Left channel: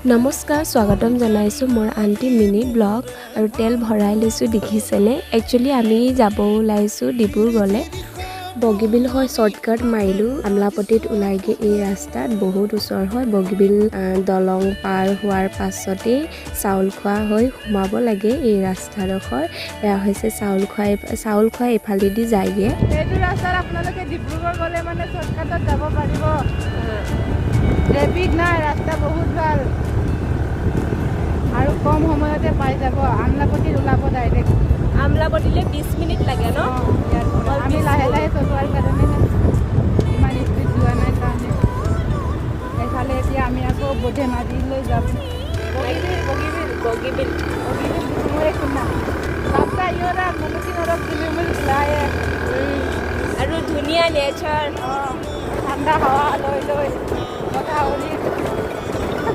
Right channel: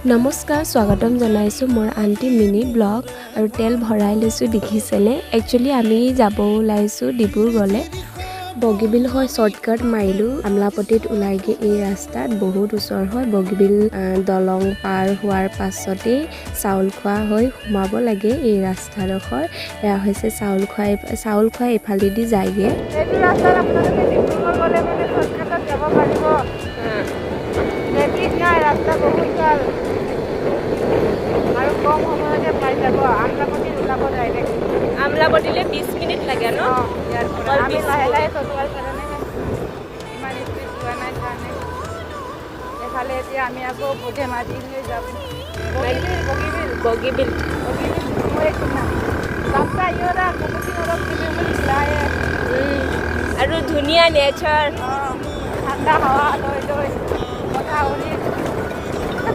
নমস্কাৰ স্বাগতম জনাইছোঁ মোৰ আণ্টি মিনি ব্লগ আৰু তেল ভৰাই লৈছোঁ দেখিছেনে একচুৱেলি আমি যাব ওলাইছোঁ ডিব্ৰুগড়লৈ বগীবিল হৈ শ্বৰ্টকাট মাৰিলোঁ আমলাপটিত ওলাইগে এই ৰাস্তাত বহুত ওচৰ হয় বগীবিল দলং পাৰ হোৱাৰ পাছতেই চাউল খোৱা হৈ সোমাব লাগে এই ৰাস্তাডোখৰ এয়া হৈছে চাউল খোৱা এইফালেদি যায়গে এইটো ৰাস্তাত আপোনালোকে ডিব্ৰুগড় গ'লে মানে শ্বৰ্টকাটত যাব পাৰিব ট্ৰেফিক নাই ৰাস্তা বহুত ভাল আৰু কম সময়তে পাই যাব আমলাপটিত ওলাব ডাইৰেক্ট আমলাপটিলে 20 মিনিট লাগে ন ইয়াৰ পৰা আমি লাহে লাহে চলোৱাৰ কাৰণেহে ইমান স্পীড যোৱা নাই কাৰণে এইফালে এতিয়া আমি আকৌ ধেমাজিলৈ যাম বগীবিল মই শুনা ৰাস্তা ইয়ৰা মুখি নৰক কিলোমিটাৰ লাহে আৰু ধুনীয়া নেচাৰ ঠাণ্ডা হাৱা লৈ লৈ কথা শুনি